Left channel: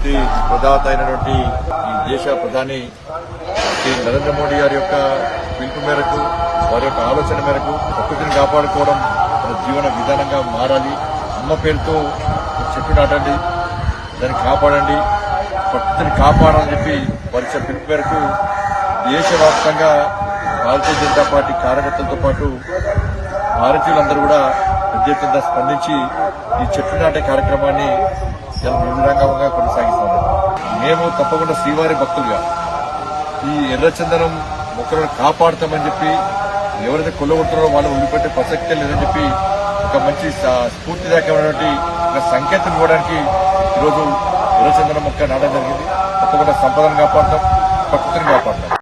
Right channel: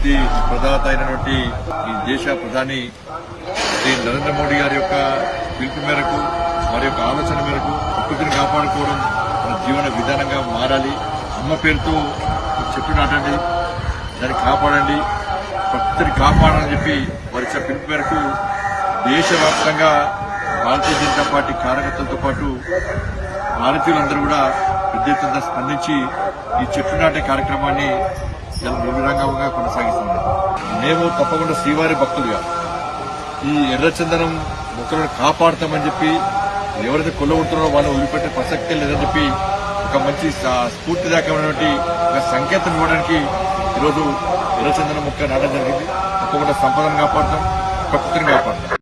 స్ఫూర్తి ప్రదాత అయినటువంటి ఈ దేశ ప్రధాని శ్రీ నరేంద్ర మోడీ గారి యొక్క పిలుపు మేరకు, వారి యొక్క ఆలోచన మేరకు ప్రకృతిని కాపాడుకోవడం మన జీవన విధానంగా మారాలి. అమ్మ పేరుతో చెట్టు నాటండి, దాన్ని కాపాడండి, ప్రకృతిని కాపాడాలని చెప్పి వారి పిలుపు మేరకు దేశవ్యాప్తంగా భారతీయ జనతా పార్టీ కార్యకర్తలతో పాటు భారతీయులందరూ కూడా పెద్ద ఎత్తున స్పందించి ఈ చెట్లు నాటే కార్యక్రమాన్ని నిర్విరాంగంగా కొనసాగిస్తున్నారు. మేము తప్పకుండా శ్రీవారి భక్తులుగా ఈ ఎర్రచందనం మొక్కలను కాపాడుతామని చెప్పి ఎవరైతే కొల్లగొట్టారో వాళ్ళని వదిలిపెట్టే ప్రసక్తే లేదని చెప్పి ఒక మంచి స్ఫూర్తిదాయకమైనటువంటి ఒక సంకేతం ఇవ్వడానికి ఈరోజు ఎర్రచందనం మొక్క నాటడం జరిగింది. తప్పకుండా సంపదను కాపాడతాం, ప్రకృతిని కాపాడతాం.